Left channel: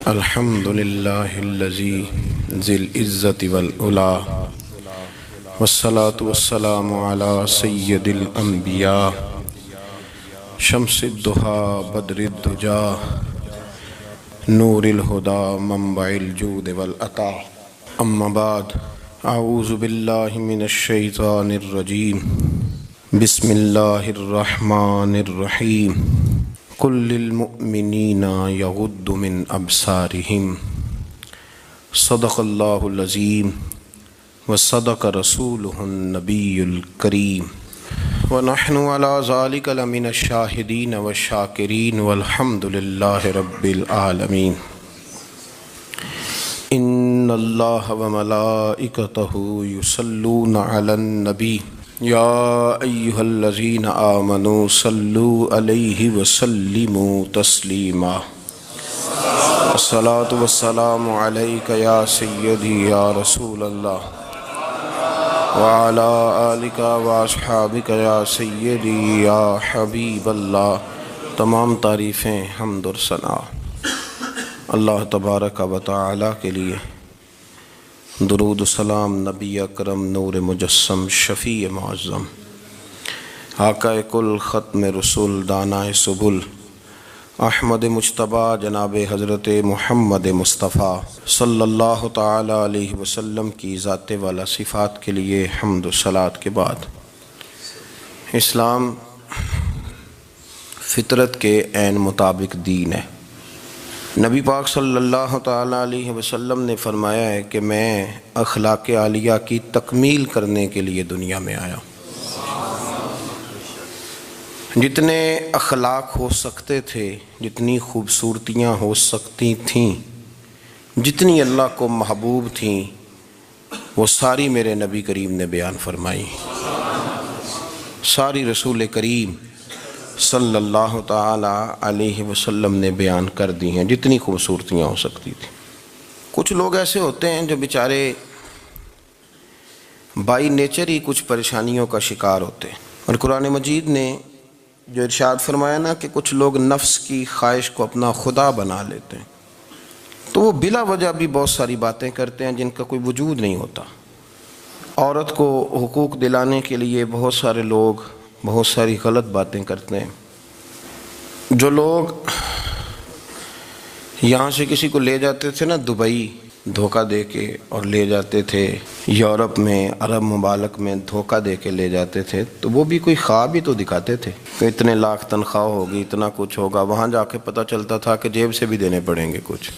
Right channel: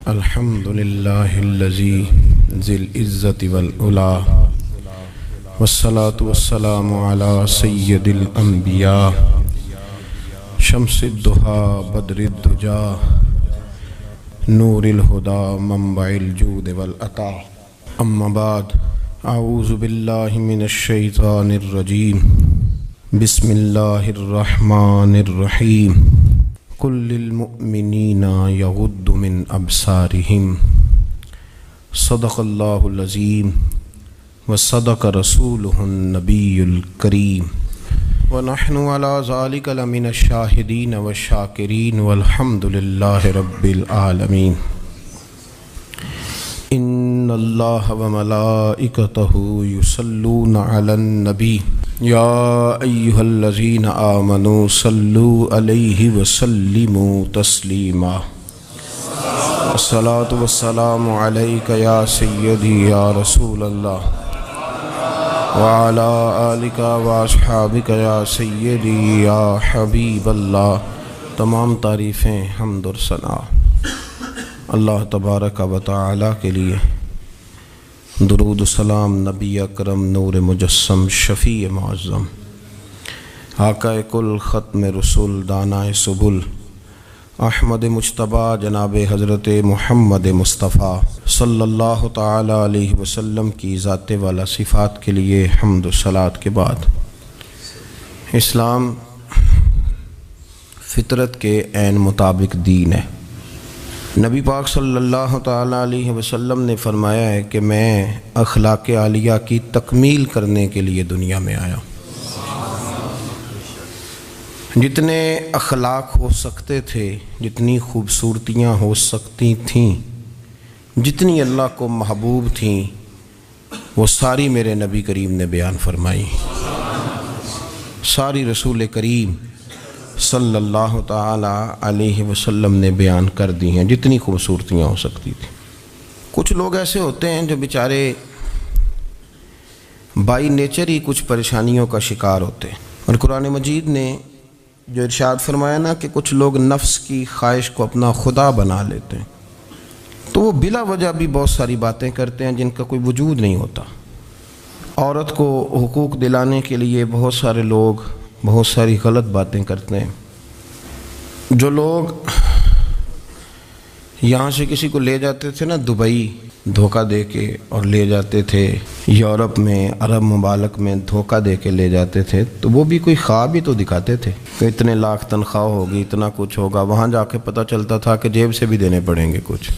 الحمد للہ الذی ذی العزت والعلا والصلاة والسلام علی سید الانبیاء شمس الضحیٰ بدر الدجا نور الہدی منبع الجود والعطا اما بعد اعوذ باللہ من الشیطان الرجیم بسم اللہ الرحمن الرحیم قل للمؤمنین یغضوا من ابصارہم صدق اللہ العظیم وصدق رسولہ النبی الکریم ونحن علی ذلک لمن الشاہدین والشاکرین والحمد للہ رب العالمین ان اللہ وملائکتہ یصلون علی النبی یا ایہا الذین آمنوا صلوا علیہ وسلموا تسلیما الصلاۃ والسلام علیک یا سیدی یا رسول اللہ وعلی آلک واصحابک یا سیدی یا حبیب اللہ۔ تمام تعریفیں حمد و ثنا اللہ تبارک و تعالی کے لیے، درود و سلام نبی اکرم نور مجسم شفیع معظم آقا کل ختم رسول دانائے سبل احمد مجتبیٰ جناب حضرت محمد مصطفیٰ صلی اللہ تعالی علیہ وسلم کی ذات والا صفات کے لیے حمد و صلات کے بعد، اسلام فطرت کے عین مطابق دین ہے۔ نبی پاک صلی اللہ تعالی علیہ وسلم نے فرمایا ہے کہ میں اخلاق عالیہ کی تکمیل کرنے کے لیے دنیا میں آیا۔ جتنے اخلاق ہو سکتے تھے، جتنی خوبصورتیاں ہو سکتی تھیں، جتنی اللہ کو محبوب تھیں، وہ ساری میرے نبی کریم نے بیان فرمائی، ساری رسول کریم صلی اللہ تعالی علیہ وسلم نے بیان کر دی ہیں، جتنی خوبصورتیاں ہو سکتی تھیں۔ کچھ لوگ ایسے ہوتے ہیں جو بیچارے بائی نیچر ہی کچھ پریشانیوں کا شکار ہوتے ہیں، اور قرآن مجید نے جو ارشاد فرمایا نا کہ کچھ لوگ نفس کی خواہش کو اپنا خدا بنا لیتے ہیں، تو وہ بلا وجہ بھی بہت ساری باتیں کرتے ہیں جن کا کوئی وجود نہیں ہوتا۔ عورت کو حقوق دلانے کے لیے بہت سارے لوگ بہت ساری غلط باتیں کرتے ہیں۔ جو لوگ یہاں سے کسی کو لے جاتے تھے نا دبئی دھوکہ دے کے، اور لے جاتے تھے یورپ میں، عرب ممالک میں دھوکہ دے کے لے جاتے تھے، تو وہ بھی کوئی خواب ہی تو دکھاتے تھے کہ اتنے لاکھ تنخواہ ہوگی، اتنا کچھ ہوگا۔ وہاں جا کے پتہ چلتا تھا کہ جیب سے بھی دینے پڑیں گے کچھ۔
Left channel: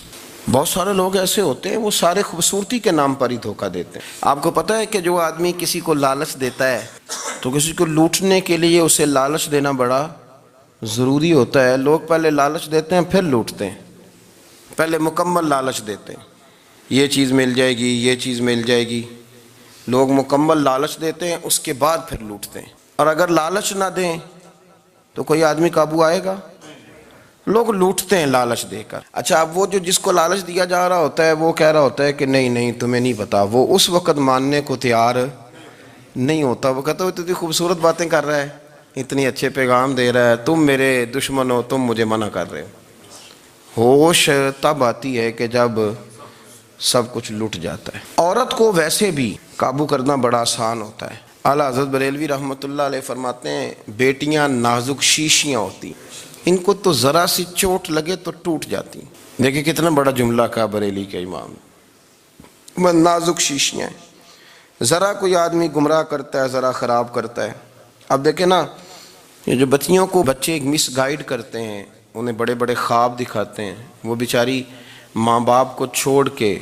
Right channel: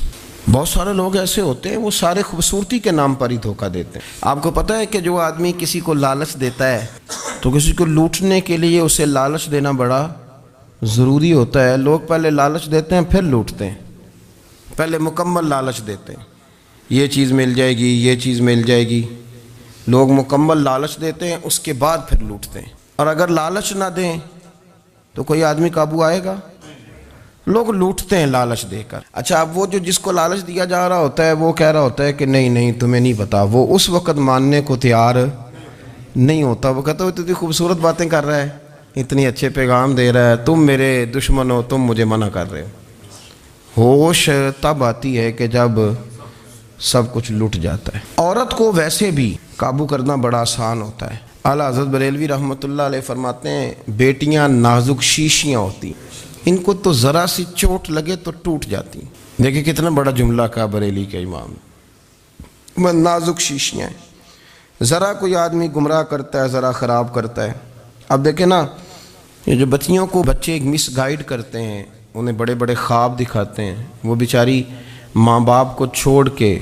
بہت سارے لوگ ایسے ہوتے ہیں، وہ سارے خوبصورتی کے نام پر ہی دھوکہ دیتے ہیں۔ آپ کو پتہ ہے کہ جو آدمی کسی کو لالچ دیتا ہے تو کسی کو لوٹنے کے لیے اسے لالچ دینا بڑا ضروری ہوتا ہے۔ لوگ پہلے لالچ دیتے ہیں پھر لوٹتے ہیں، پہلے مکمل لالچ دیتے ہیں، یہ چیز مل جائے گی، یہ چیز مل جائے گی۔ لوگ مکمل لالچ دیتے ہیں، اس کے بعد پھر لوٹتے ہیں۔ اور اگر لالچ نہ دیں تو کوئی آدمی قابو آئے گا؟ لوگ لوٹتے ہیں لالچ دے کر۔ اچھا، اب وہ جو جس کو لالچ دیا جا رہا ہوتا ہے وہ کہہ رہا ہوتا ہے کہ نہیں نہیں تمہیں نہیں پتا، وہ اس وقت ماننے کو تیار نہیں ہوتا۔ وہ کہتا ہے اتنی خوبصورت باتیں کر رہا ہے، اتنی اچھے پیغام دے رہا ہے، تم میرے دشمن ہو، تم مجھے منع کر رہے ہو۔ ہوش تب آتی ہے کہ جب سب کچھ لٹ جاتا ہے۔ عورت کو ویسے بھی قابو کرنا بڑا آسان ہوتا ہے۔ اعلیٰ حضرت بریلوی رحمۃ اللہ علیہ فرماتے ہیں بیٹیاں نازک شیشیاں ہوتی، ان کو تو ذرا سی چوٹ لگے تو ٹوٹ جاتی۔ دیکھیں کتنا بڑا جملہ کہا بریلی کے امام، نازک شیشیاں ہیں۔ ذرا کوئی آدمی گمراہ کرتا ہے، ذرا خراب کرتا ہے۔ اب دیکھیں نا، یہ جو بچیوں کو بچے مس گائیڈ کرتے ہیں، انہیں بڑے بڑے خواب دکھاتے ہیں، وہ بیچاری ماں باپ کو چھوڑ کے،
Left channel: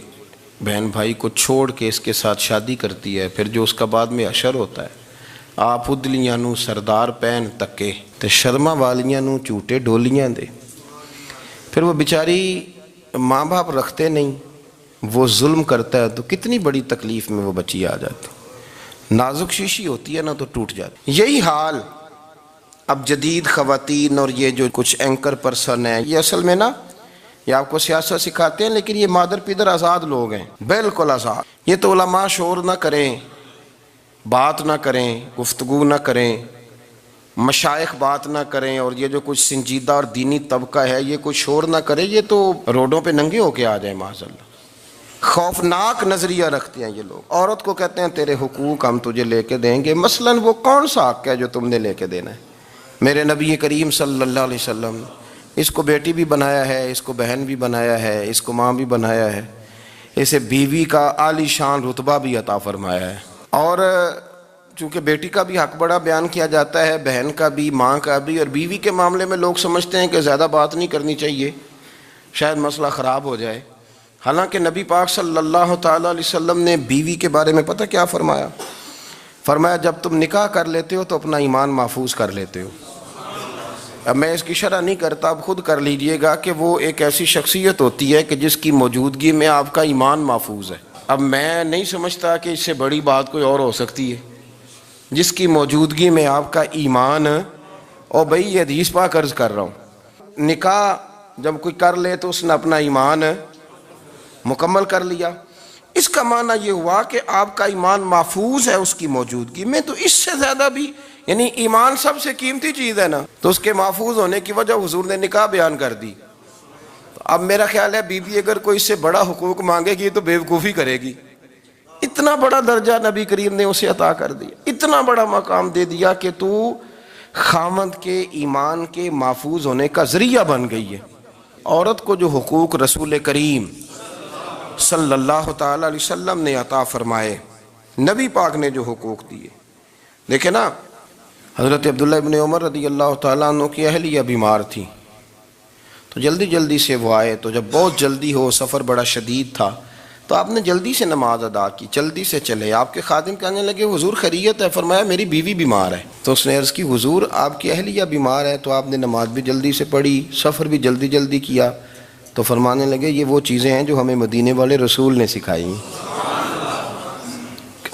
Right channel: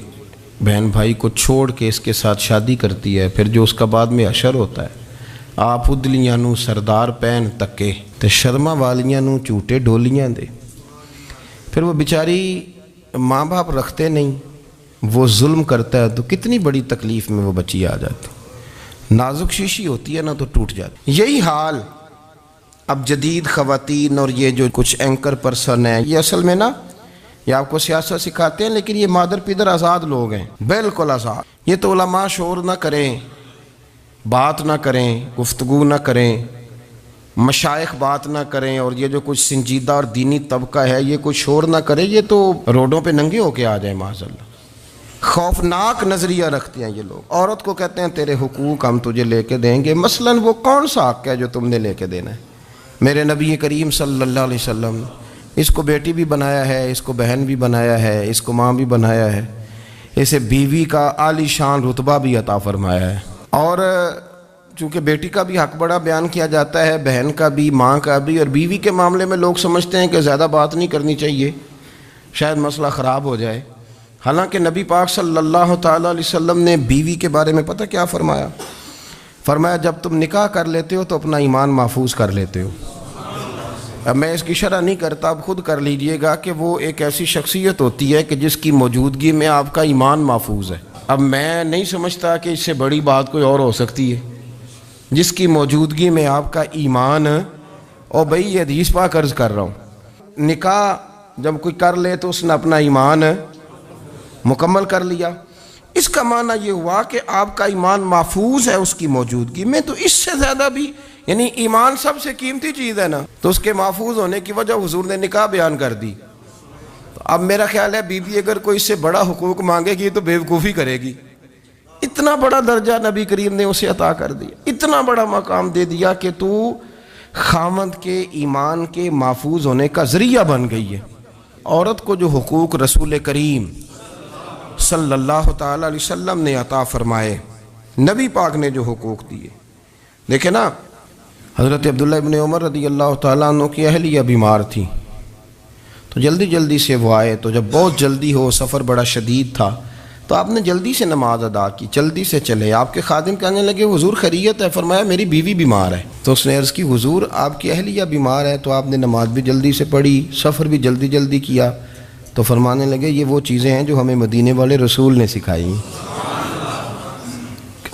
بہن بھائی کو چھوڑ کے اس کے ساتھ شادی کرتی ہے، پھر جو اس کا بعد میں حشر ہوتا ہے، آپ ادلیاں نو سردار پہن تکے تے شرما والیاں نو جھوٹے ڈولیاں دے۔ پھر وہ بیچاری ماں باپ رکھتے نہیں، وہ ظلم کرتا ہے، تو کتنی بڑی تکلیف میں وہ بچی آ جاتی۔ نازک شیشی ہوتی ہے نا تو ٹوٹ جاتی۔ یہی حال اب جدید خواتین اور یہ جو کچھ اینکر پرسن ہیں، یہ اصل میں نا یہ آپ کو سیاست سکھاتے ہیں، لیکن یہ مادر پیدر آزاد لوگ ہیں، بالکل آزاد۔ یہ تو علماء شور نہ کریں، بات نہ کریں، گفتگو نہ کریں، مشائخ بات نہ کریں اور یہ جو کچھ سنجیدہ اور دینی طبقہ ہے یہ کچھ شور نہ کرے، یہ تو روڈوں پہ ننگے ہو کے آ جائیں معاذ اللہ۔ خوفناک نظریہ رکھتے ہیں یہ لوگ۔ عورت کو کہتے ہیں تیرے حقوق ہم تجھے لے کے دیں گے، مثلاً وہ کون سا حق ہے جو تم نے لے کے دینا ہے؟ میرے نبی کریم صلی اللہ علیہ وسلم اس کو بیٹی بھی بنایا ہے، اس کو بہن بھی بنایا ہے، اس کو ماں بھی بنایا ہے، اسے بیوی کا عالی شان رتبہ بھی عطا فرمایا ہے۔ اور چونکہ بیٹی کا بھی حق بڑا بیان کیا جاتا ہے، بہن کا بھی، ماں کا بھی، اور بیوی کے معاملے میں لوگ سمجھتے ہیں کہ زیادہ بات نہیں کرنی چاہیے، شاید مسئلہ خراب ہو جائے۔ حالانکہ نبی پاک صلی اللہ تعالیٰ علیہ وسلم نے بیوی کے بارے میں پتہ کیا فرمایا؟ فرمایا جب تم نکاح کر لیتے ہو تو اپنا ایمان محفوظ کر لیتے ہو۔ اب میں اس کی شرح نہیں کرتا، اب خود کر لیجئے گا کہ وہ ایک ایسی شخصیت ہوتی ہے کہ جس کی موجودگی میں آپ کا ایمان محفوظ ہے۔ اب میں نہیں سمجھتا کہ اس سے بڑی بات کوئی اور ہو سکتی ہے، جس کی موجودگی میں آپ کا ایمان، اور بھئی یہ حدیث پاک عرض کر رہا ہوں، نکاح جب کوئی کر لے تو اس نے اپنا ایمان مکمل کر لیا۔ اس کا معنی یہ ہوا کہ آپ کا ایمان محفوظ ہے اس کی موجودگی میں، تو اس سے زیادہ بھی، یعنی ایمان سب سے قیمتی چیز ہے نا، تو اس کے محفوظ ہونے کی وجہ حضور نے نکاح بیان کر دی۔ تو اب میرا خیال ہے بیوی اگر کوئی اس سے بڑا حقوق مانگے گی تو بیوقوفی کرے گی۔ اتنا بڑا درجہ نبی کریم نے اسے عطا کر دیا، اتنا بڑا مقام دے دیا کہ تو خاوند کے ایمان کے محفوظ ہونے کا ذریعہ بن گئی ہے۔ عورت کو جو حقوق رسول کریم صلی اللہ تعالیٰ علیہ وسلم نے عطا فرمائے، نبی پاک نے جو حقوق دیے، دیکھیں نا، حضرت عبداللہ ابن عمر رضی اللہ تعالیٰ عنہ کی اہلیہ بیمار تھی، تو جلدی جلدی سے وہ آئے، تو جب بہت جلدی ہو، سفر بڑا شدید تھا، تو آپ نے جلدی سے نماز ادا کی، جلدی سے چلے۔ آپ کے خادم کہنے لگے حضور خیریت ہے؟ فرمایا میری بیوی بیمار ہے۔ تو اس نے عرض کی حضور آپ کی اہلیہ بیمار ہے، تو آپ نے نماز بھی جلدی سے پڑھی، سفر بھی جلدی جلدی کیا۔ تو فرمانے لگے یہ وہ چیزیں ہیں جو ہمیں مدینے والے رسول نے سکھائی ہیں۔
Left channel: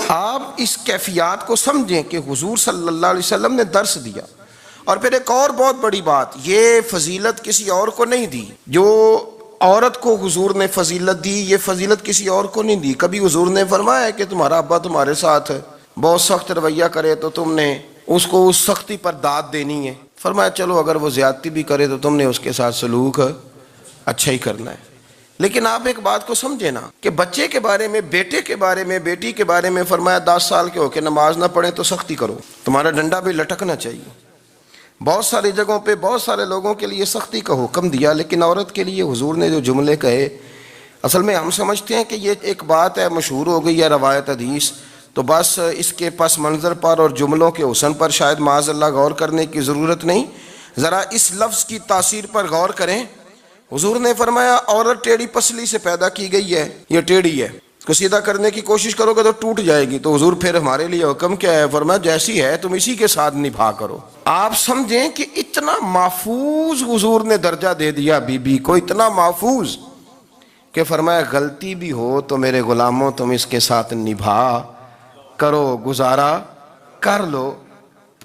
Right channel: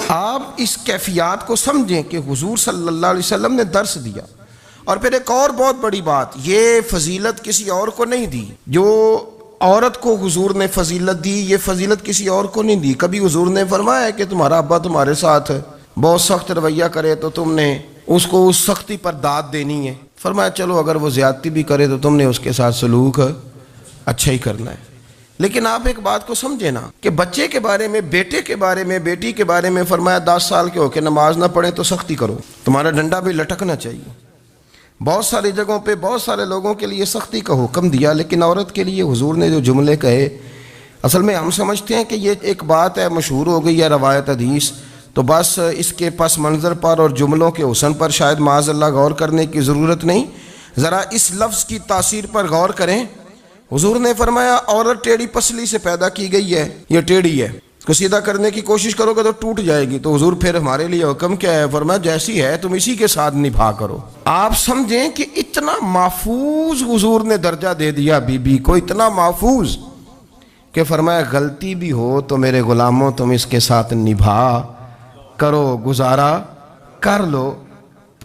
آپ اس کیفیات کو سمجھیں کہ حضور صلی اللہ علیہ وسلم نے درس دیا۔ اور پھر ایک اور بہت بڑی بات، یہ فضیلت کسی اور کو نہیں دی، جو عورت کو حضور نے فضیلت دی، یہ فضیلت کسی اور کو نہیں دی۔ کبھی حضور نے فرمایا کہ تمہارا ابا تمہارے ساتھ بہت سخت رویہ کرے تو تم نے اس کو اس سختی پر داد دینی ہے؟ فرمایا چلو اگر وہ زیادتی بھی کرے تو تم نے اس کے ساتھ سلوک اچھا ہی کرنا ہے۔ لیکن آپ ایک بات کو سمجھے نا کہ بچے کے بارے میں، بیٹے کے بارے میں، بیٹی کے بارے میں فرمایا 10 سال کے ہو کے نماز نہ پڑھیں تو سختی کرو، تمہارا ڈنڈا بھی لٹکنا چاہیے۔ بہت ساری جگہوں پہ بہت سارے لوگوں کے لیے سختی کا حکم دیا، لیکن عورت کے لیے حضور نے جو جملے کہے، اصل میں ہم سمجھتے ہیں کہ یہ ایک بات ہے، مشہور ہو گئی ہے روایت حدیث، تو بس اس کے پس منظر پر اور جملوں کے حسن پر شاید معاذ اللہ غور کرنے کی ضرورت نہیں۔ ذرا اس لفظ کی تاثیر پر غور کریں۔ حضور نے فرمایا عورت ٹیڑھی پسلی سے پیدا کی گئی ہے، یہ ٹیڑھی ہے، اس کو سیدھا کرنے کی کوشش کرو گے تو ٹوٹ جائے گی۔ تو حضور پھر ہمارے لیے حکم کیا ہے؟ فرمایا جیسی ہے تم اسی کے ساتھ نبھا کرو۔ آپ سمجھیں کہ اتنا محفوظ حضور نے درجہ دے دیا بی بی کو، اتنا محفوظ کہ فرمایا غلطی بھی ہو تو میرے غلاموں تم اس کے ساتھ نبھا کرو، گزارا کر لو۔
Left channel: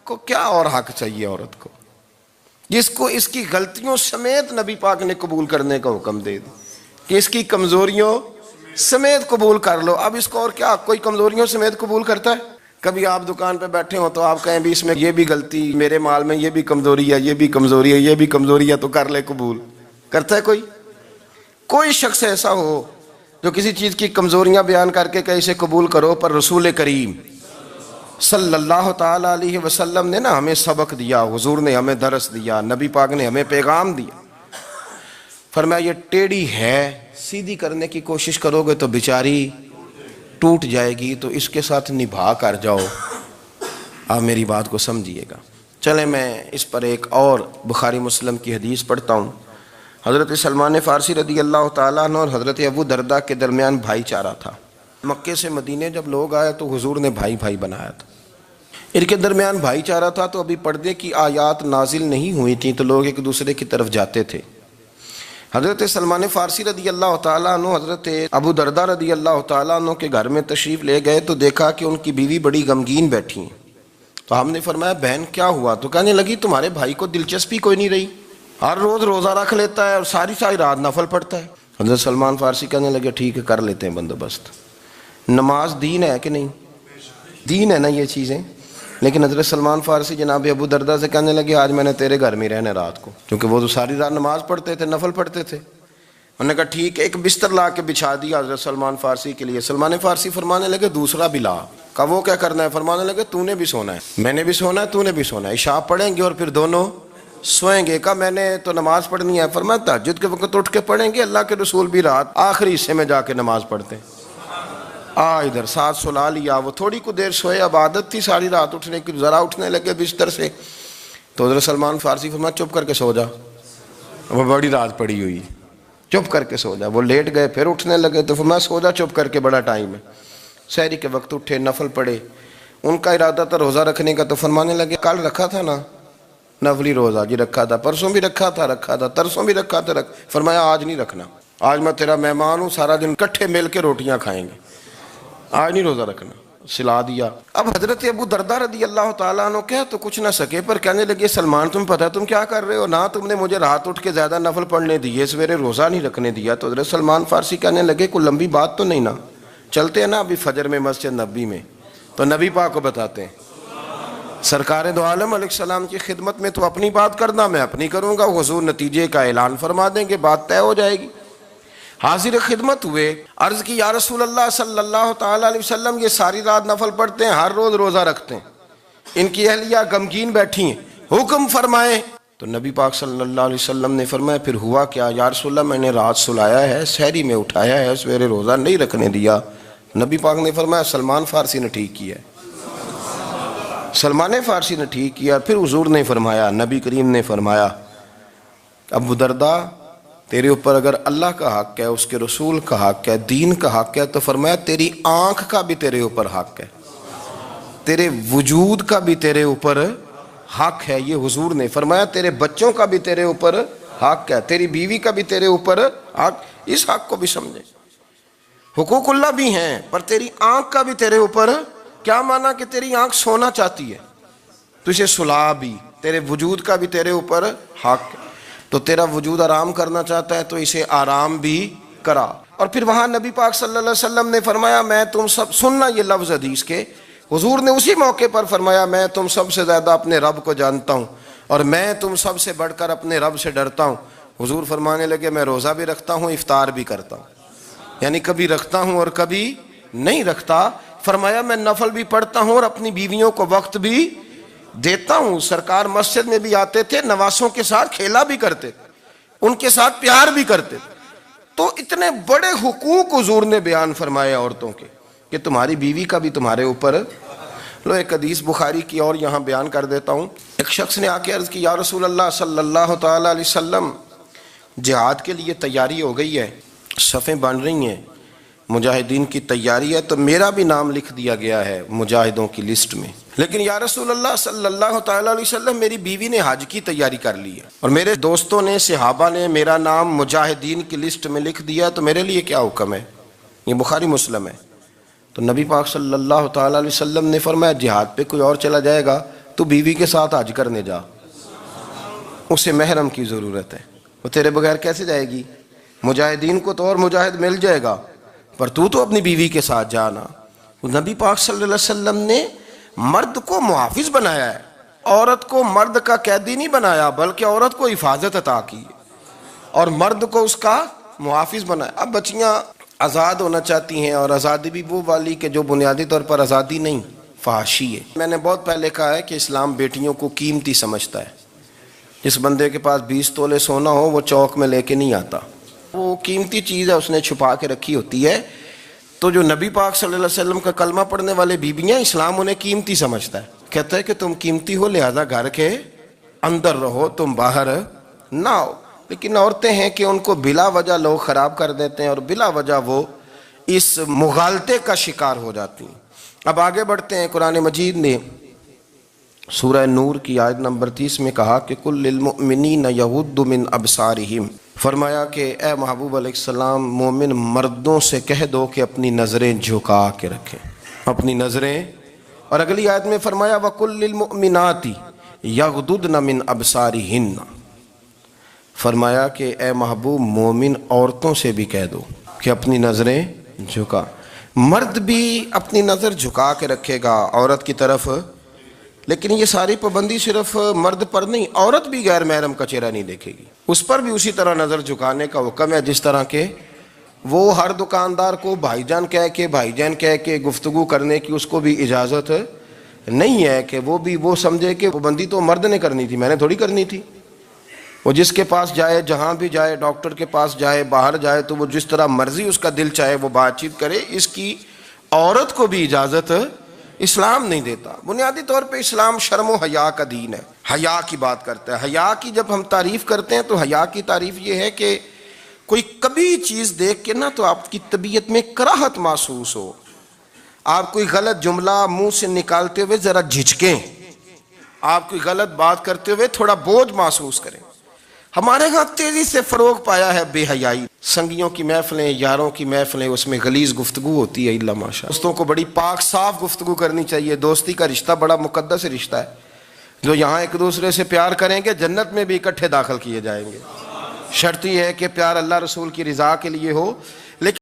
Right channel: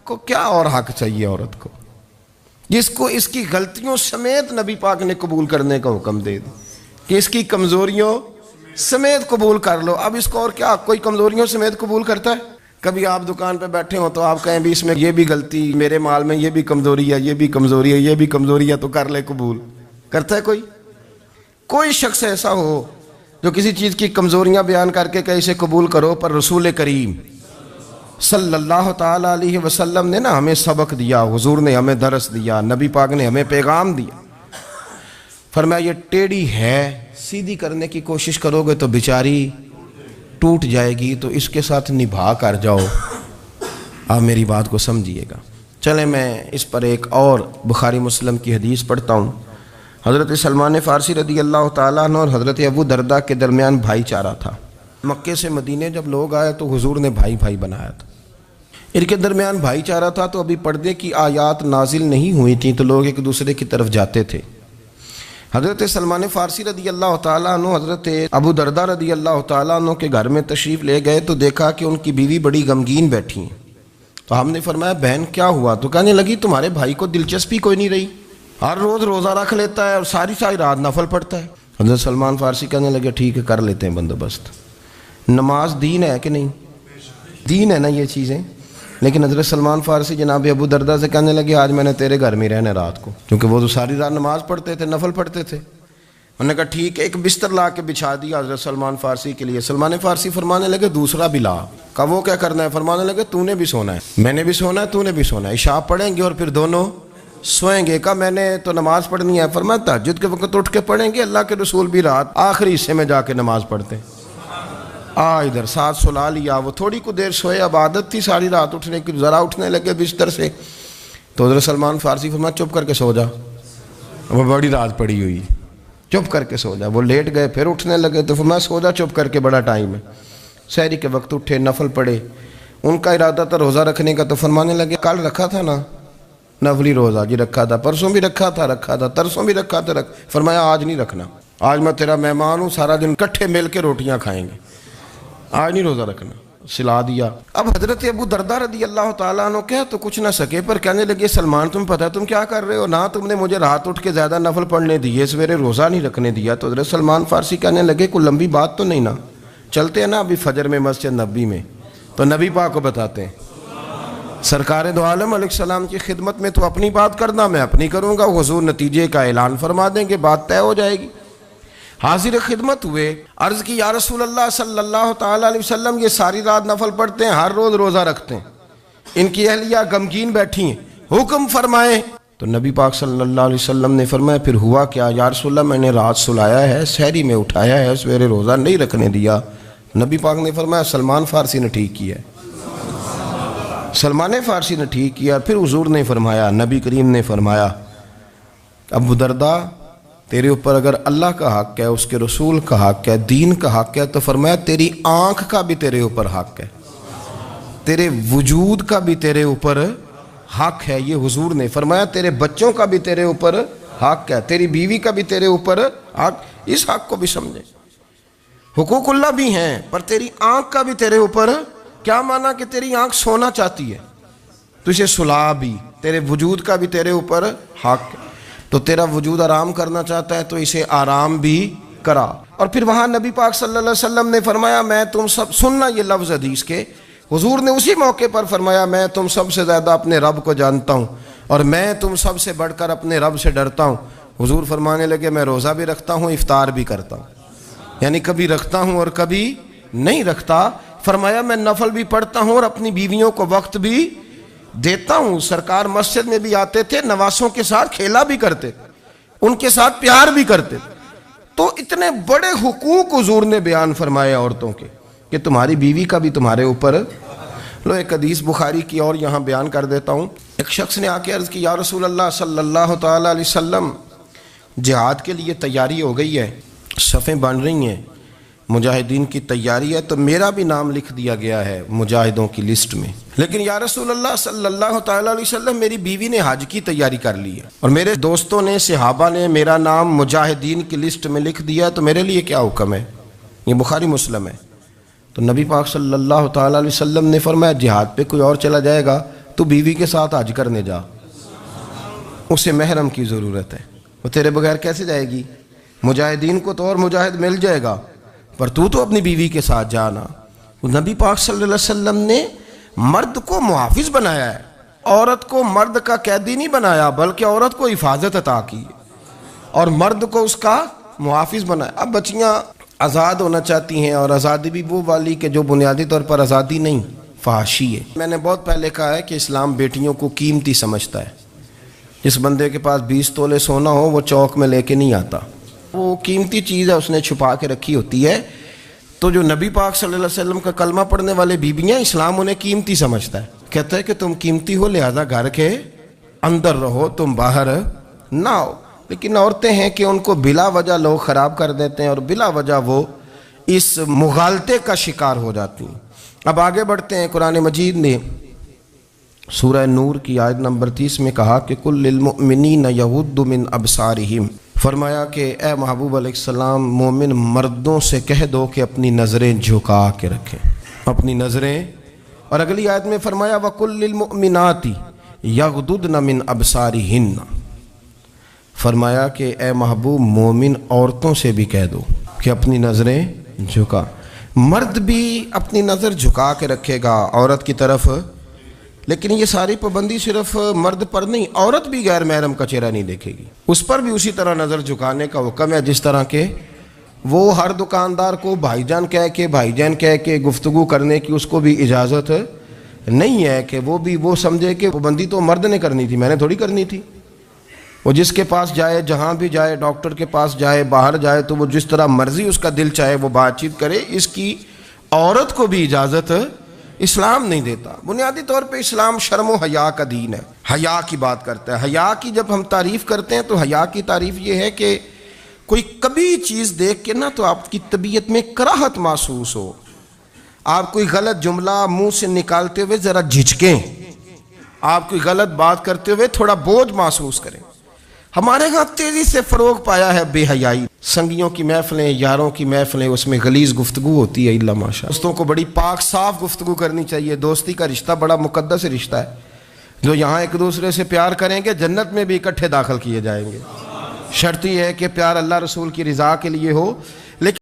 کو کیا اور حق چاہیے عورت کو، جس کو اس کی غلطیوں سمیت نبی پاک نے قبول کرنے کا حکم دے دی کہ اس کی کمزوریوں سمیت قبول کر لو۔ اب اس کو اور کیا، کوئی کمزوریوں سمیت قبول کرتا ہے؟ کبھی آپ دکان پہ بیٹھے ہو تو آپ کہیں بھی اس میں یہ بھی غلطی، میرے مال میں یہ بھی کمزوری ہے، یہ بھی کمزوری ہے، یہ بھی کمزوری ہے، تو کر لے قبول؟ کرتا ہے کوئی؟ کوئی شخص ایسا ہو جو کسی چیز کی کمزوریاں بیان کر کے کہ اسے قبول کرو؟ پر رسول کریم صلی اللہ تعالیٰ علیہ وسلم نے نا ہمیں سبق دیا، حضور نے ہمیں درس دیا، نبی پاک نے ہمیں پیغام دیا۔ فرمایا یہ ٹیڑھی ہے، سیدھی کرنے کی کوشش کرو گے تو بیچاری ٹوٹ جائے گی، تو اس کے ساتھ نبھا کر جاؤ۔ آپ میری بات کو سمجھیے گا۔ چلیں میں اس پر ایک اور بخاری مسلم کی حدیث پڑھتا ہوں۔ حضرت سلمان فارسی رضی اللہ تعالیٰ عنہ اور حضرت ابو درداء کے درمیان بھائی چارہ تھا۔ مکے سے مدینے جب لوگ آئے تو حضور نے بھائی بھائی بنایا تھا، ان کے درمیان بھائی چارہ تھا، تو ابھی پردے کی آیات نازل نہیں ہوئی تھیں، تو لوگ ایک دوسرے کی طرف جاتے تھے۔ حضرت سلمان فارسی رضی اللہ تعالیٰ عنہ حضرت ابو درداء رضی اللہ تعالیٰ عنہ کے گھر میں تشریف لے گئے تو دیکھا کہ ان کی بیوی بڑی غمگین بیٹھی ہیں۔ تو ہم نے فرمایا بہن کیا ہوا؟ تو کہنے لگی تمہارے بھائی کو دلچسپی کوئی نہیں رہی، ہر روز روزہ رکھ لیتا ہے اور ساری رات نفل پڑھتا ہے۔ حضرت سلمان فارسی کہنے لگے ٹھیک ہے کر لیتے ہیں بندوبست۔ نماز دین ہے کہ نہیں؟ دین ہے نا یہ چیزیں؟ لیکن حضرت سلمان فارسی جناب ابو دردہ سے کہنے لگے آج میں نے تیرے گھر میں رہنا رات کو، کیونکہ وہ تو ساری رات نماز پڑھتے تھے، نفل پڑھتے تھے۔ انہوں نے کہا ٹھیک ہے، ایک بستر لا کے بچھا دیا حضرت سلمان فارسی کے لیے۔ سلمان فارسی فرمانے لگے دوسرا بھی لا۔ کہا وہ کیا کرنا ہے؟ فرمانے لگے تو نے بھی سونا ہے، میں نے بھی سونا ہے، تو نے بھی سونا ہے، عشاء پڑھیں گے اور پھر دونوں سوئیں گے۔ کہا میں نے تو نماز پڑھنی ہے۔ فرمایا تہجد کے وقت اٹھ کے پڑھیں گے، اللہ کے رسول بھی رات آخری حصے میں جا کے نماز پڑھتے ہیں۔ ادھر ساتھ سلا لیا، وہ تھوڑی کو دیر سوئے، اب عادت تھی ساری رات اٹھنے کی، ذرا اٹھنے لگے بستر سے تو حضرت سلمان فارسی فرمایا چپ کر کے سو جا، وہ بڑی رات پڑی ہوئی، چپ کر کے سو جا۔ وہ لیٹ گئے، پھر اٹھنے لگے تو فرمایا سو جا چپ کر کے، بڑا ٹائم ہے۔ سحری کے وقت اٹھے، نفل پڑھے، ان کا ارادہ تھا روزہ رکھنے کا، تو فرمانے لگے کل رکھا تھا نا نفلی روزہ، جی رکھا تھا، پرسوں بھی رکھا تھا، ترسوں بھی رکھا تھا، فرمایا آج نہیں رکھنا، آج میں تیرا مہمان ہوں، سارا دن کٹھے مل کے روٹیاں کھائیں گے، آج نہیں روزہ رکھنا، سلا دیا۔ اب حضرت ابو دردہ رضی اللہ تعالیٰ عنہ کہہ تو کچھ نہ سکے، پر کہنے لگے سلمان تم پتہ ہے تم کیا کر رہے ہو، نہ تم نے مجھے رات اٹھ کے زیادہ نفل پڑھنے دیے، سویرے روزہ نہیں رکھنے دیا۔ تو حضرت سلمان فارسی کہنے لگے کوئی لمبی بات تو نہیں نا، چلتے ہیں نا ابھی فجر میں مسجد نبی میں، تو نبی پاک کو بتاتے ہیں، سرکار دو عالم علیہ السلام کی خدمت میں تو اپنی بات کرنا، میں اپنی کروں گا، حضور نتیجے کا اعلان فرما دیں گے، بات طے ہو جائے گی۔ حاضر خدمت ہوئے، عرض کی یا رسول اللہ صلی اللہ تعالیٰ علیہ وسلم یہ ساری رات نفل پڑھتے ہیں، ہر روز روزہ رکھتے ہیں، ان کی اہلیہ غمگین بیٹھی ہیں، حکم فرمائیں۔ تو نبی پاک صلی اللہ علیہ وسلم نے فرمایا پھر ہوا کیا؟ یا رسول اللہ میں نے رات سلایا ہے، سحری میں اٹھایا ہے، سویرے روزہ نہیں رکھنے دیا۔ نبی پاک نے فرمایا سلمان فارسی نے ٹھیک کیا ہے، سلمان فارسی نے ٹھیک کیا۔ پھر حضور نے فرمایا، نبی کریم نے فرمایا ابو دردہ تیرے اوپر اگر اللہ کا حق ہے، اس کے رسول کا حق ہے، دین کا حق ہے، تو فرمایا تیری آنکھ کا بھی تیرے اوپر حق ہے، تیرے وجود کا بھی تیرے اوپر حق ہے، یہ حضور نے فرمایا، تیرے بچوں کا بھی تیرے اوپر حق ہے، تیری بیوی کا بھی تیرے اوپر حق، اس حق کو بھی سمجھے۔ حقوق اللہ بھی ہیں، پر تیری آنکھ کا بھی تیرے اوپر، کیا مانا کہ تیری آنکھ سونا چاہتی ہے تو اسے سلا بھی، تیرے وجود کا بھی تیرے اوپر حق ہے، تو تیرا وجود آرام کرنا چاہتا ہے تو اسے آرام بھی کرا۔ اور پھر وہاں نبی پاک صلی اللہ علیہ وسلم نے فرمایا میں تم سب، سننا یہ لفظ حدیث کے، حضور نے اسی موقع پر فرمایا میں تم سب سے زیادہ اپنے رب کو جانتا ہوں اور میں تم سب سے بڑھ کر اپنے رب سے ڈرتا ہوں۔ حضور فرمانے لگے میں روزہ بھی رکھتا ہوں، افطار بھی کرتا ہوں، یعنی کبھی رکھتا ہوں اور کبھی نہیں رکھتا۔ فرمایا میں نفل بھی پڑھتا ہوں اور اپنی بیویوں کو وقت بھی دیتا ہوں۔ سرکار مسجد میں بھی آتے تھے، نواسوں کے ساتھ کھیلا بھی کرتے تھے، ان کے ساتھ پیار بھی کرتے تھے۔ تو اتنے بڑے حقوق حضور نے بیان فرمائے عورتوں کے کہ تمہاری بیوی کا بھی تمہارے اوپر۔ لو ایک حدیث بخاری کی اور یہاں بیان کر دیتا ہوں۔ ایک شخص نے آ کے عرض کی یا رسول اللہ صلی اللہ تعالیٰ علیہ وسلم جہاد کے لیے تیاری ہو گئی ہے، صفیں بن رہی ہیں، مجاہدین کی تیاری ہے، تو میرا بھی نام لکھ دیا گیا ہے مجاہدوں کی لسٹ میں، لیکن یا رسول اللہ صلی اللہ تعالیٰ علیہ وسلم میری بیوی نے حج کی تیاری کر لی ہے اور میرے دوستوں نے، صحابہ نے میرا نام مجاہدین کی لسٹ میں لکھ دیا، تو میرے لیے کیا حکم ہے؟ یہ بخاری مسلم ہے۔ تو نبی پاک صلی اللہ تعالیٰ علیہ وسلم نے فرمایا جہاد پہ کوئی اور چلا جائے گا تو بیوی کے ساتھ حج کرنے جا، اسے محرم کی ضرورت ہے، وہ تیرے بغیر کیسے جائے گی؟ مجاہدین کو تو اور مجاہد مل جائے گا، پر تو اپنی بیوی کے ساتھ جانا۔ نبی پاک صلی اللہ علیہ وسلم نے مرد کو محافظ بنایا ہے، عورت کو مرد کا قیدی نہیں بنایا، بلکہ عورت کو حفاظت عطا کی اور مرد کو اس کا محافظ بنایا۔ اب بچیاں آزاد ہونا چاہتی ہیں، اور آزادی بھی وہ والی کہ جو بنیادی طور پر آزادی نہیں، فحاشی ہے۔ میں نے بہت پہلے کہا ہے کہ اسلام بیٹیوں کو قیمتی سمجھتا ہے، جس بندے کے پاس 20 تولے سونا ہو وہ چوک میں لے کے نہیں آتا، وہ قیمتی چیز ہے، اس نے چھپا کے رکھی ہوتی ہے۔ تو جو نبی پاک صلی اللہ علیہ وسلم کا کلمہ پڑھنے والے بیویاں، اسلام انہیں قیمتی سمجھتا ہے، کہتا ہے کہ تم قیمتی ہو لہذا گھر کے اندر رہو، تم باہر نہ ہو۔ لیکن عورتیں ہیں کہ ان کو بلا وجہ لوگ خراب کر دیتے ہیں اور بلا وجہ وہ اس مغالطے کا شکار ہو جاتی ہیں۔ اب آگے بڑھتے ہیں۔ قرآن مجید نے سورہ نور کی آیت نمبر 30 میں کہا کہ کل للمؤمنین یغضوا من ابصارہم، فرمایا کہ اے محبوب علیہ السلام مومن مردوں سے کہہ دو کہ اپنی نظریں جھکا کے رکھیں، اپنی نظریں۔ اور اگلی آیت میں فرمایا وَقُلْ لِلْمُؤْمِنَاتِ يَغْضُضْنَ مِنْ أَبْصَارِهِنَّ، فرمایا کہ اے محبوب مومن عورتوں سے بھی کہہ دو کہ اپنی نظریں جھکا۔ مرد بھی اپنی نظر جھکا کے رکھے گا عورت کی طرف لیکن یہ ساری پابندی صرف مرد پر نہیں، عورت بھی غیر محرم کا چہرہ نہیں دیکھے گی، اس پر بھی اسی طرح نظر جھکانے کا حکم ہے جس طرح کہ وہ ہر دکاندار کو بھائی جان کہہ کے گفتگو کرنے کی اس کو بھی اجازت نہیں ہے کہ وہ سمجھے کہ پابندی تو مرد نے کرنی تھی، میں نے تھوڑی کرنی تھی۔ وہ جس کے پاس جائے، جہاں بھی جائے، ڈاکٹر کے پاس جائے، باہر جائے، تو وہ جس طرح مرضی اس کا دل چاہے وہ بات چیت کرے، اس کی عورت کو بھی اجازت اسلام نہیں دیتا۔ بنیادی طور پہ اسلام شرم و حیا کا دین ہے، حیا کی بات کرتا ہے۔ حیا کی جب ہم تعریف کرتے ہیں تو حیا کی تعریف یہ ہے کہ کوئی کبھی چیز دیکھ کے نہ تو آپ کی طبیعت میں کراہت محسوس ہو، آپ کوئی غلط جملہ منہ سے نکالتے ہوئے ذرا جھجکیں، آپ کوئی غلط بات کرتے ہوئے تھوڑا بوجھ محسوس کریں۔ ہمارے ہاں تیزی سے فروغ پایا ہے بے حیائی، سنگیوں کی محفلیں، یاروں کی محفلیں، اس میں غلیظ گفتگو ہوتی ہے، الا ماشاء۔ دوستوں کو بڑی پاک صاف گفتگو کرنی چاہیے، دوستی کا رشتہ بڑا مقدس رشتہ ہے، جو یہاں ایک دوسرے سے پیار کریں گے جنت میں بھی اکٹھے داخل کیے جائیں گے۔ شرط یہ ہے کہ پیار اللہ رسول کی رضا کے لیے ہو، لیکن